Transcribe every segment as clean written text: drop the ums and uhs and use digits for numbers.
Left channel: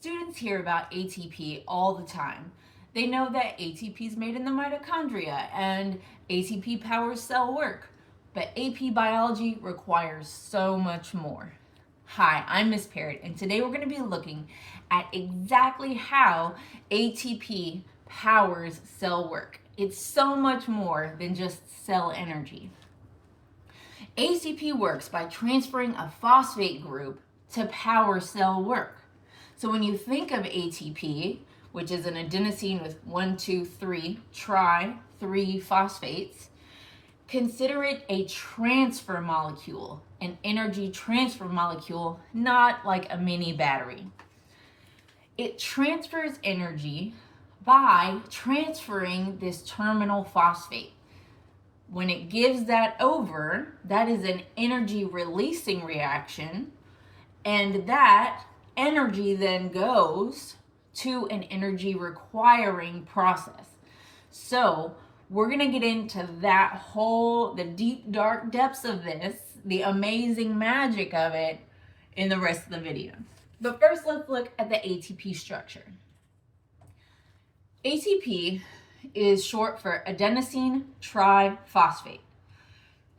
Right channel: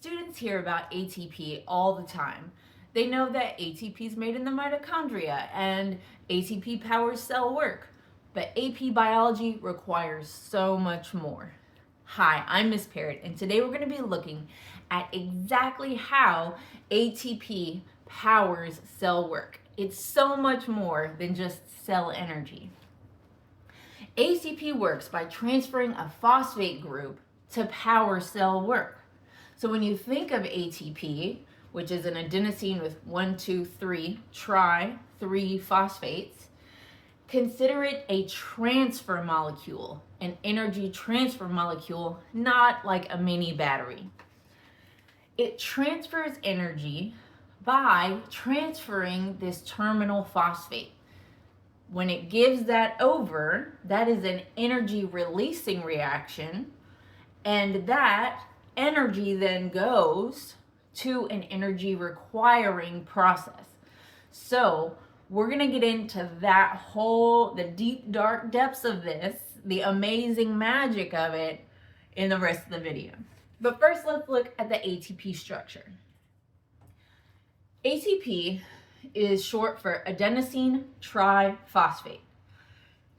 Students hear about ATP all the time. They know that ATP is made in the mitochondria and ATP powers cell work, but AP Biology requires so much more. Hi, I'm Miss Parrott, and today we're going to be looking at exactly how ATP powers cell work. It's so much more than just cell energy. ATP works by transferring a phosphate group to power cell work. So when you think of ATP, which is an adenosine with 1, 2, 3 phosphates, consider it a transfer molecule, an energy transfer molecule, not like a mini battery. It transfers energy by transferring this terminal phosphate. When it gives that over, that is an energy releasing reaction, and that energy then goes to an energy requiring process. So we're going to get into that the deep dark depths of this, the amazing magic of it, in the rest of the video. But first, let's look at the ATP structure. ATP is short for adenosine triphosphate.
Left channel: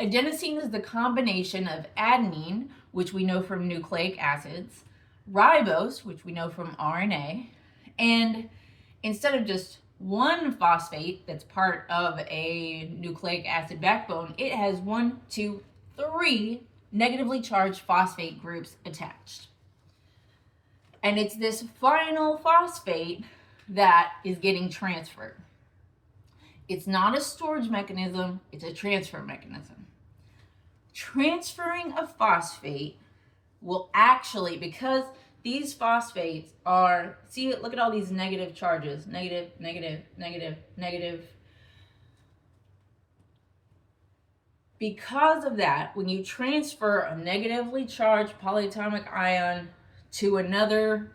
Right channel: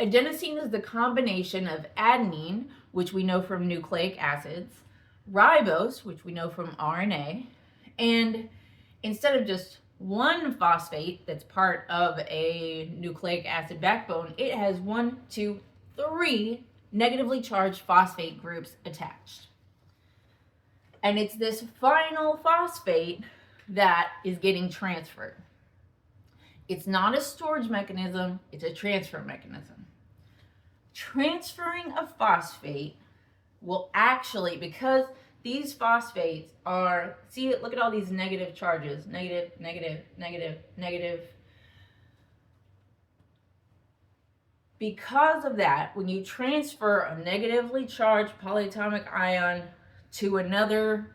Adenosine is the combination of adenine, which we know from nucleic acids, ribose, which we know from RNA, and instead of just one phosphate that's part of a nucleic acid backbone, it has 1, 2, 3 negatively charged phosphate groups attached. And it's this final phosphate that is getting transferred. It's not a storage mechanism, it's a transfer mechanism. Transferring a phosphate will actually, because these phosphates are, look at all these negative charges, negative, negative, negative, negative. Because of that, when you transfer a negatively charged polyatomic ion to another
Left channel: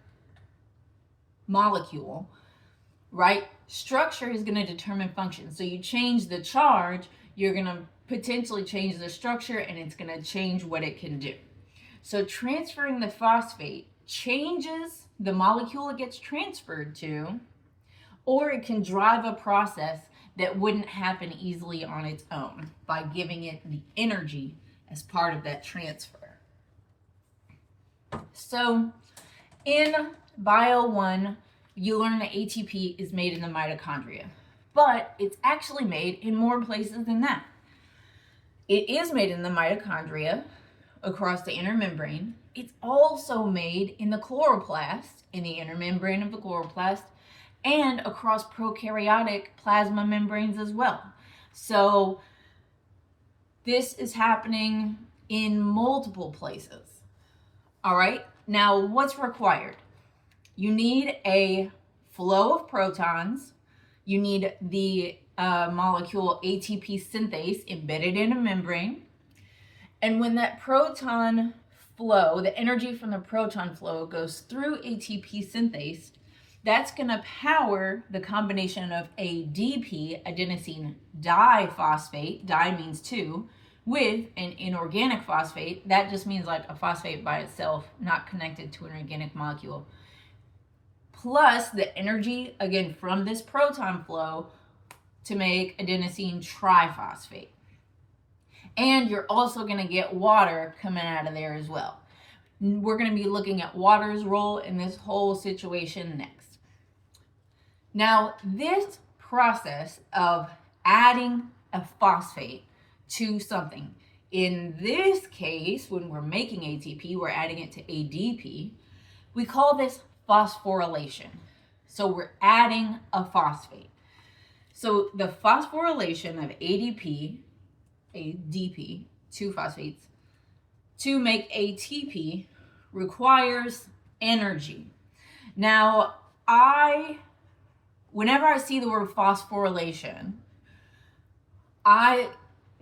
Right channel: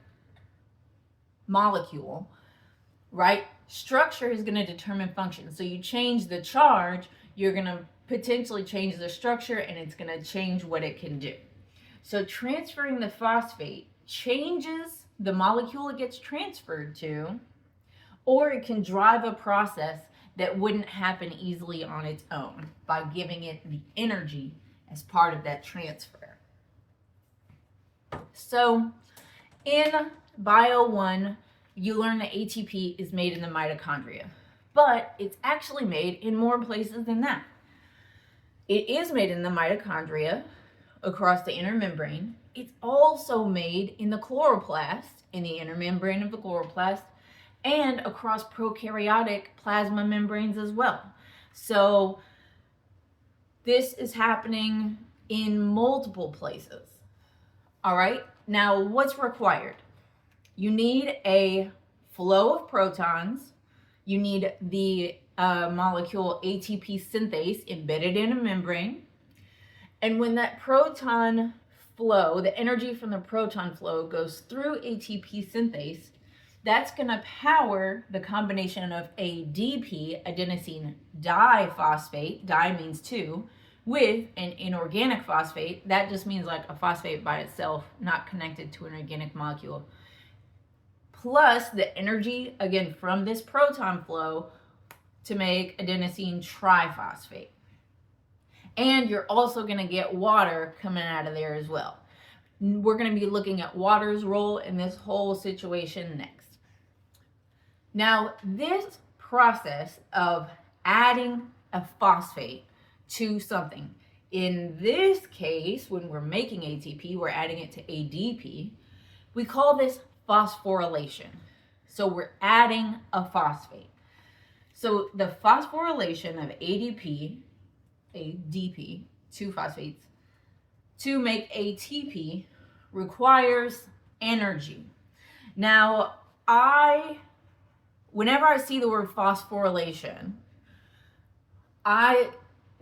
molecule, right, structure is going to determine function. So you change the charge, you're going to potentially change the structure, and it's going to change what it can do. So transferring the phosphate changes the molecule it gets transferred to, or it can drive a process that wouldn't happen easily on its own by giving it the energy as part of that transfer. So in Bio 1, you learn that ATP is made in the mitochondria, but it's actually made in more places than that. It is made in the mitochondria across the inner membrane. It's also made in the chloroplast, in the inner membrane of the chloroplast, and across prokaryotic plasma membranes as well. So this is happening in multiple places. All right, now what's required? You need a flow of protons. You need the molecule ATP synthase embedded in a membrane. And when that proton flow, the energy from the proton flow goes through ATP synthase, that's going to power the combination of ADP, adenosine diphosphate, di means 2, with an inorganic phosphate. That just means like a phosphate by itself, not connected to an organic molecule. Plus the energy, again, from this proton flow to make adenosine triphosphate. And you're also going to get water coming out of there as well. We're going to be looking at water's role in this whole situation next. Now, this process of adding a phosphate to something, in this case, when we're making ATP, we're adding it to ADP, we call this phosphorylation. So we're adding a phosphate. So the phosphorylation of ADP, 2 phosphates, to make ATP requires energy. Now, whenever I see the word phosphorylation, I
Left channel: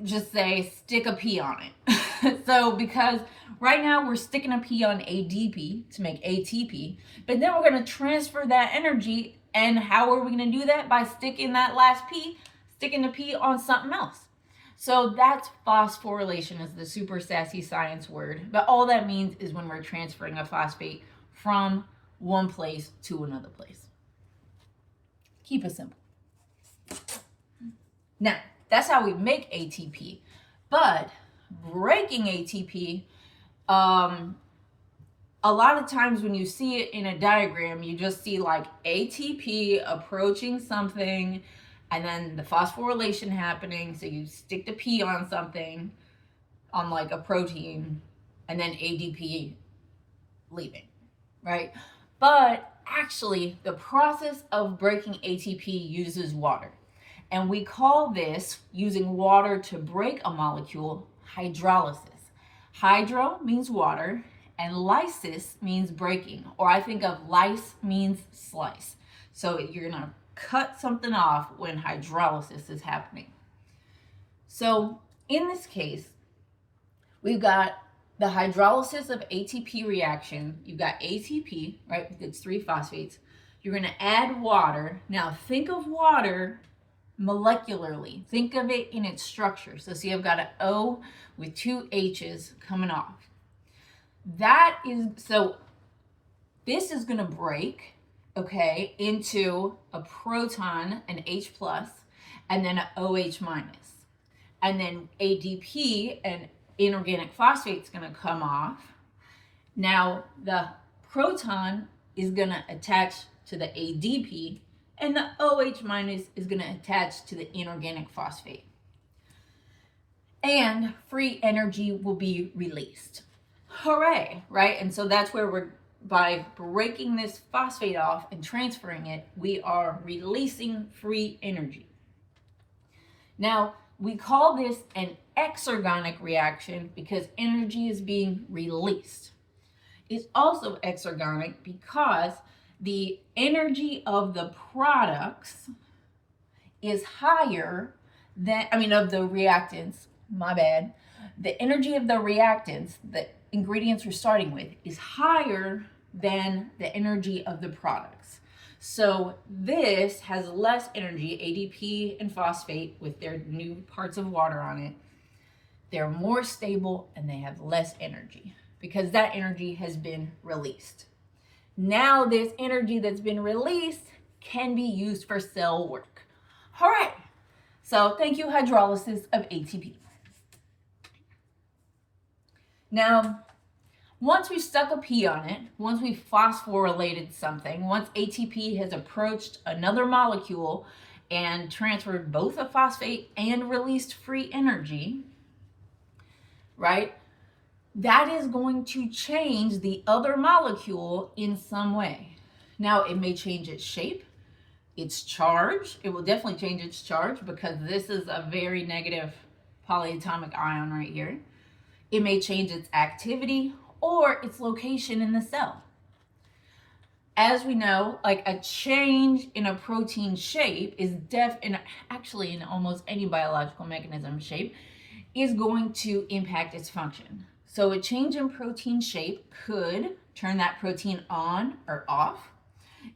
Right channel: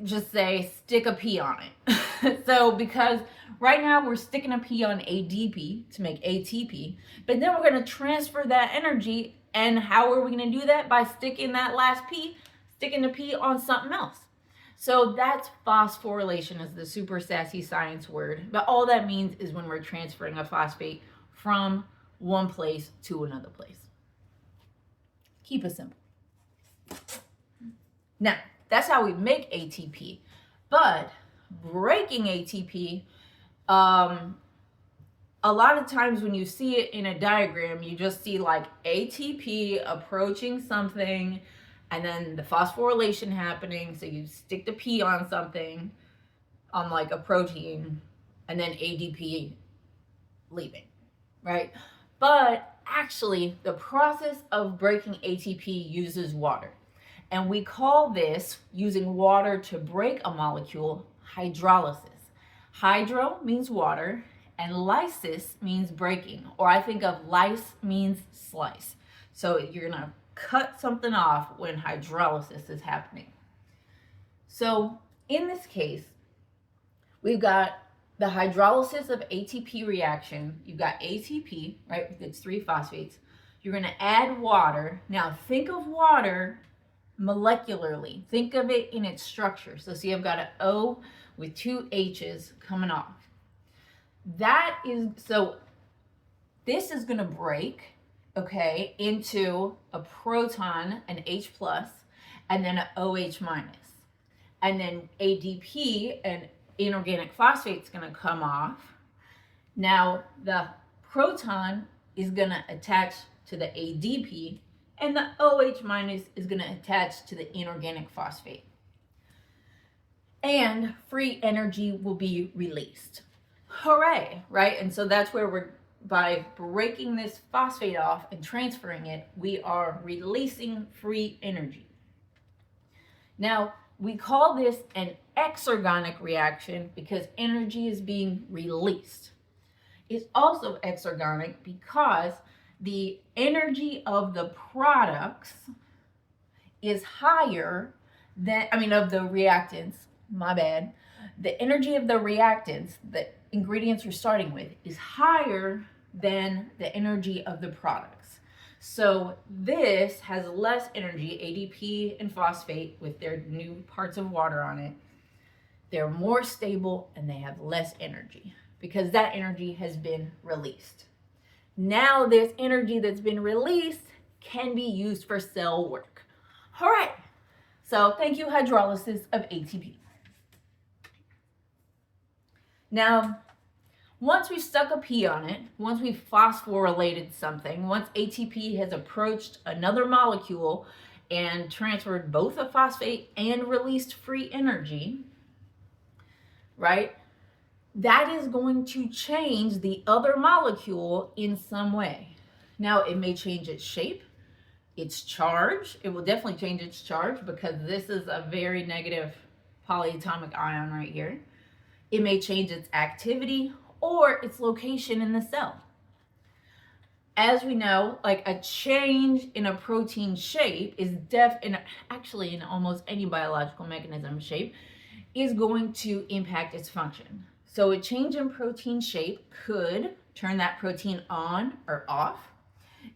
just say stick a P on it. So because right now we're sticking a P on ADP to make ATP, but then we're going to transfer that energy, and how are we going to do that? By sticking that last P, sticking the P on something else. So that's phosphorylation, is the super sassy science word. But all that means is when we're transferring a phosphate from one place to another place. Keep it simple. Now, that's how we make ATP. But breaking ATP, a lot of times when you see it in a diagram, you just see like ATP approaching something and then the phosphorylation happening. So you stick the P on something, on like a protein, and then ADP leaving, right? But actually, the process of breaking ATP uses water. And we call this, using water to break a molecule, hydrolysis. Hydro means water, and lysis means breaking. Or I think of lyse means slice. So you're gonna cut something off when hydrolysis is happening. So in this case, we've got the hydrolysis of ATP reaction. You've got ATP, right? It's 3 phosphates. You're gonna add water. Now think of water molecularly. Think of it in its structure. So see, I've got an O with 2 H's coming off. So this is gonna break, okay, into a proton, an H plus, and then an OH minus. And then ADP, an inorganic phosphate, is going to come off. Now the proton is going to attach to the ADP, and the OH minus is going to attach to the inorganic phosphate. And free energy will be released. Hooray, right? And so that's where by breaking this phosphate off and transferring it, we are releasing free energy. Now, we call this an exergonic reaction because energy is being released. It's also exergonic because the energy of the products is higher than, of the reactants, my bad. The energy of the reactants, the ingredients we're starting with, is higher than the energy of the products. So this has less energy, ADP and phosphate with their new parts of water on it. They're more stable and they have less energy because that energy has been released. Now this energy that's been released can be used for cell work. All right, so thank you, hydrolysis of ATP. Now, once we stuck a P on it, once we phosphorylated something, once ATP has approached another molecule and transferred both a phosphate and released free energy, right? That is going to change the other molecule in some way. Now, it may change its shape, its charge. It will definitely change its charge because this is a very negative polyatomic ion right here. It may change its activity or its location in the cell. As we know, like a change in a protein shape is actually in almost any biological mechanism shape is going to impact its function. So a change in protein shape could turn that protein on or off.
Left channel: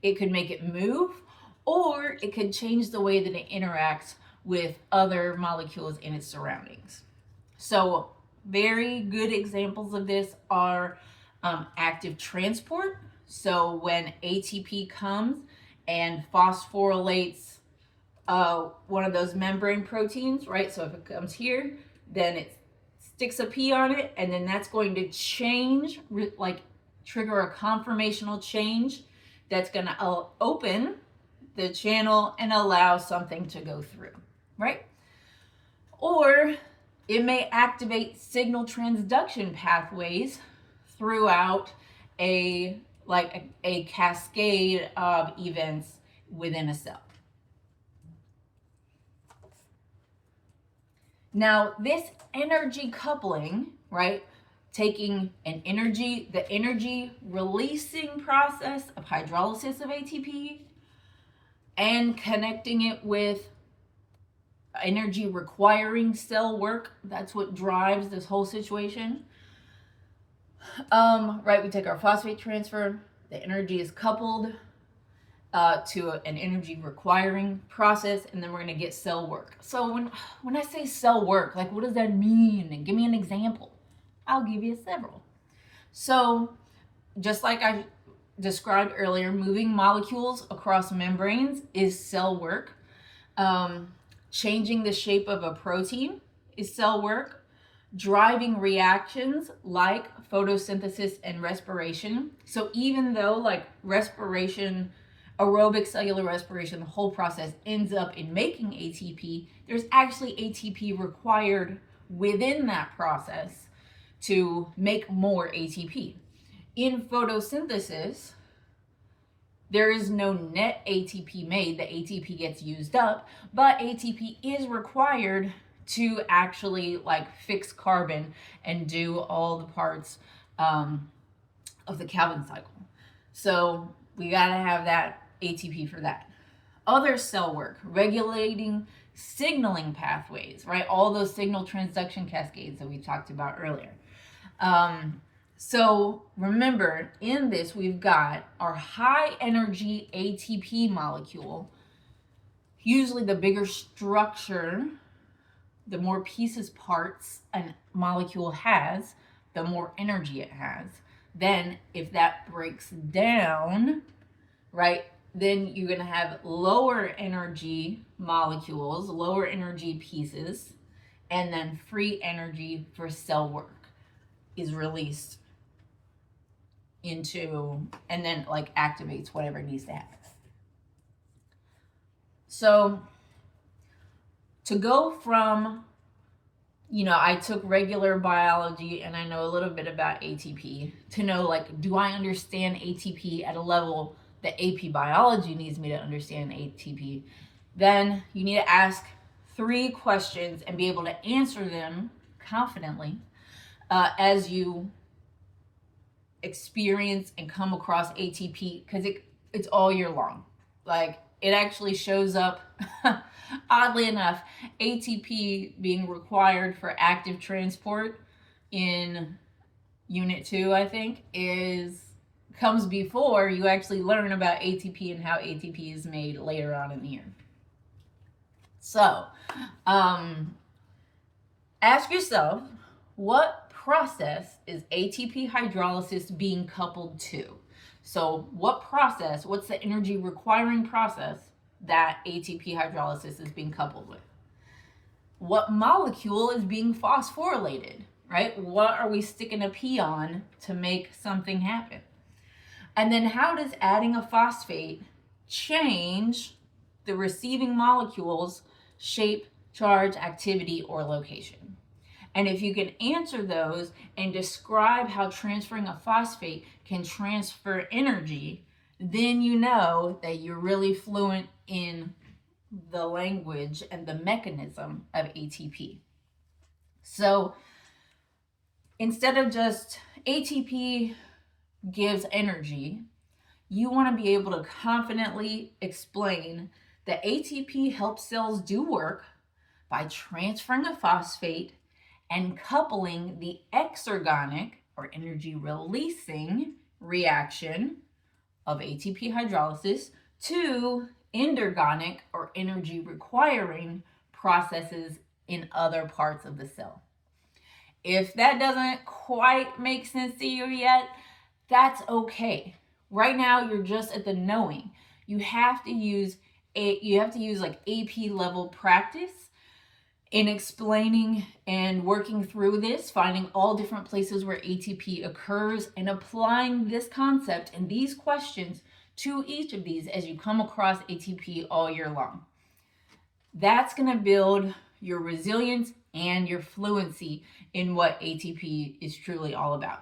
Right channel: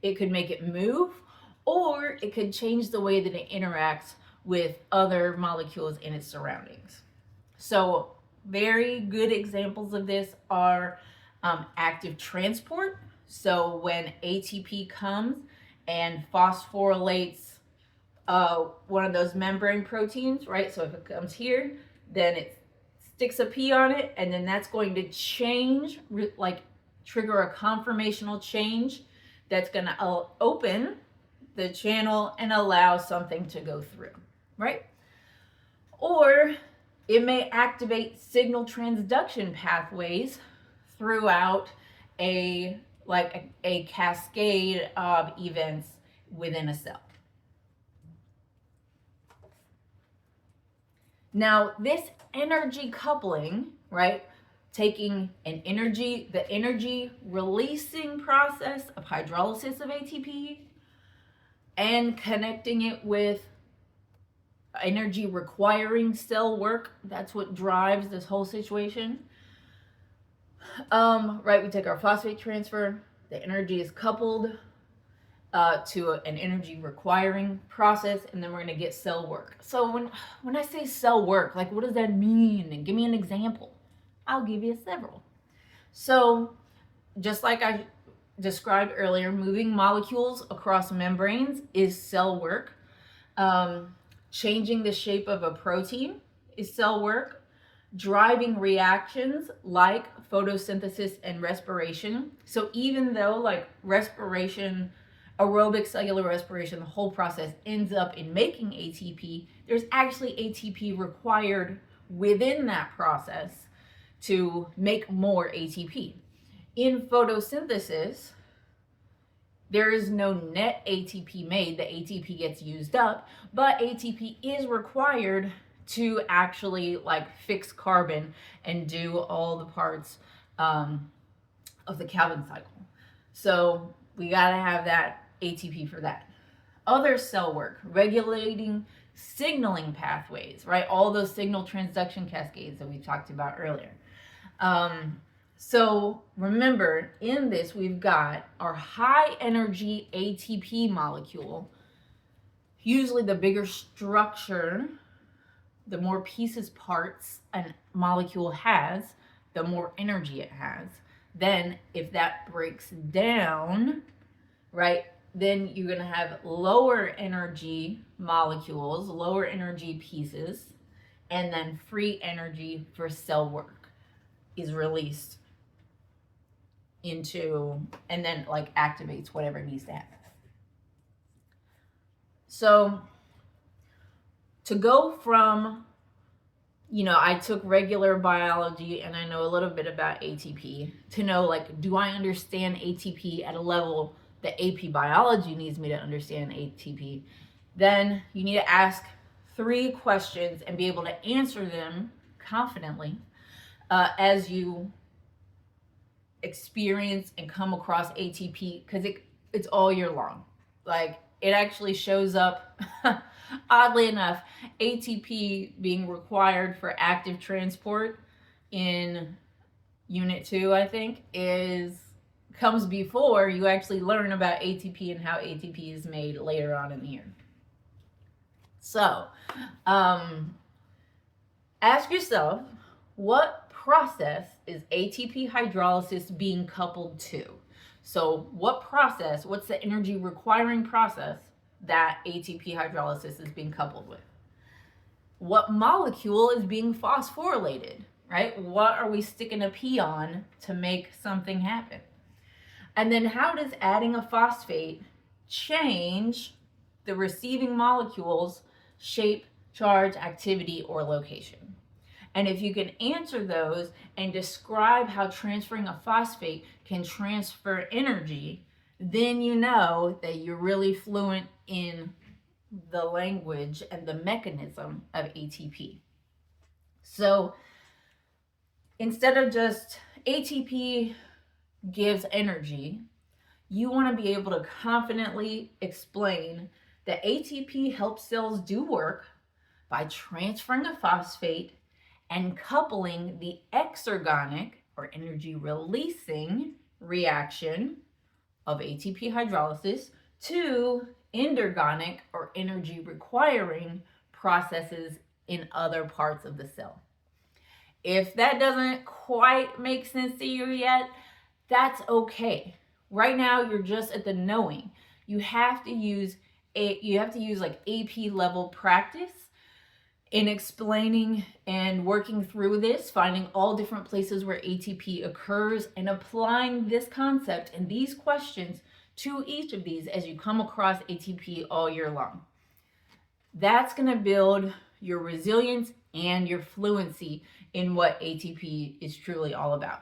It could make it move, or it could change the way that it interacts with other molecules in its surroundings. So very good examples of this are active transport. So when ATP comes and phosphorylates one of those membrane proteins, right? So if it comes here, then it sticks a P on it, and then that's going to change, like trigger a conformational change that's going to open the channel and allow something to go through, right? Or it may activate signal transduction pathways throughout a cascade of events within a cell. Now, this energy coupling, right, taking the energy releasing process of hydrolysis of ATP and connecting it with energy requiring cell work, that's what drives this whole situation. Right, we take our phosphate transfer, the energy is coupled to an energy requiring process, and then we're going to get cell work. So when I say cell work, like what does that mean? And give me an example. I'll give you several. So just like I described earlier, moving molecules across membranes is cell work. Changing the shape of a protein is cell work. Driving reactions like photosynthesis and respiration. So even though like respiration, aerobic cellular respiration, the whole process ends up in making ATP, there's actually ATP required within that process to make more ATP. In photosynthesis, there is no net ATP made. The ATP gets used up, but ATP is required to actually like fix carbon and do all the parts of the Calvin cycle. So we gotta have that ATP for that. Other cell work, regulating signaling pathways, right? All those signal transduction cascades that we talked about earlier. So remember, in this, we've got our high energy ATP molecule. Usually the bigger structure, the more pieces, parts a molecule has, the more energy it has. Then if that breaks down, right, then you're going to have lower energy molecules, lower energy pieces, and then free energy for cell work is released into, and then like activates whatever it needs to happen. So to go from, I took regular biology and I know a little bit about ATP, to know like, do I understand ATP at a level that AP Biology needs me to understand ATP? Then you need to ask 3 questions and be able to answer them confidently as you experience and come across ATP, because it's all year long. Like, it actually shows up, oddly enough, ATP being required for active transport in Unit 2, I think, comes before you actually learn about ATP and how ATP is made later on in the year. So, ask yourself, what process is ATP hydrolysis being coupled to? So what process, what's the energy requiring process that ATP hydrolysis is being coupled with? What molecule is being phosphorylated, right? What are we sticking a P on to make something happen? And then how does adding a phosphate change the receiving molecule's shape, charge, activity, or location? And if you can answer those and describe how transferring a phosphate can transfer energy, then you know that you're really fluent in the language and the mechanism of ATP. So instead of just ATP gives energy, you want to be able to confidently explain that ATP helps cells do work by transferring a phosphate and coupling the exergonic, or energy releasing, reaction of ATP hydrolysis to endergonic, or energy requiring, processes in other parts of the cell. If that doesn't quite make sense to you yet, that's okay. Right now you're just at the knowing. You have to use like AP level practice in explaining and working through this, finding all different places where ATP occurs and applying this concept and these questions to each of these as you come across ATP all year long. That's going to build your resilience and your fluency in what ATP is truly all about.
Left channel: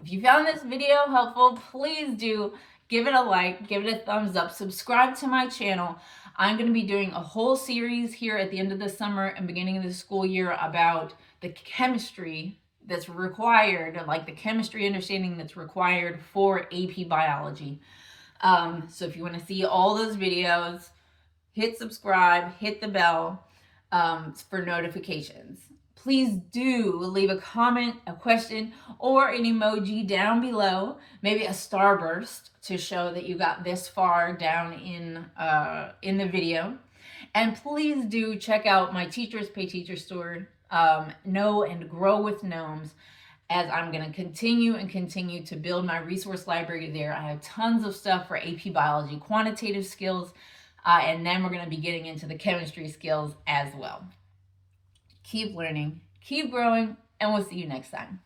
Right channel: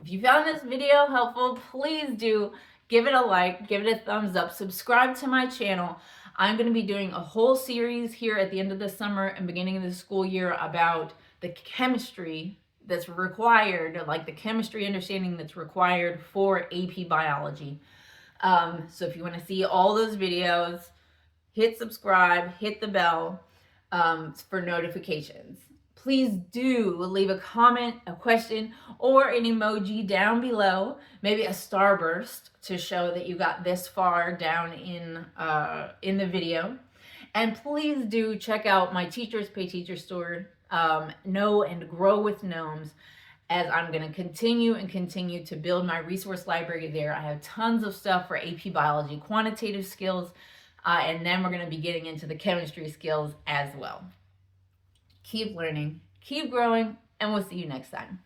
If you found this video helpful, please do give it a like, give it a thumbs up, subscribe to my channel. I'm going to be doing a whole series here at the end of the summer and beginning of the school year about the chemistry that's required, like the chemistry understanding that's required for AP Biology. So if you want to see all those videos, hit subscribe, hit the bell for notifications. Please do leave a comment, a question, or an emoji down below, maybe a starburst to show that you got this far down in the video. And please do check out my Teachers Pay Teacher store, Know and Grow with Gnomes, as I'm going to continue to build my resource library there. I have tons of stuff for AP Biology quantitative skills, and then we're going to be getting into the chemistry skills as well. Keep learning, keep growing, and we'll see you next time.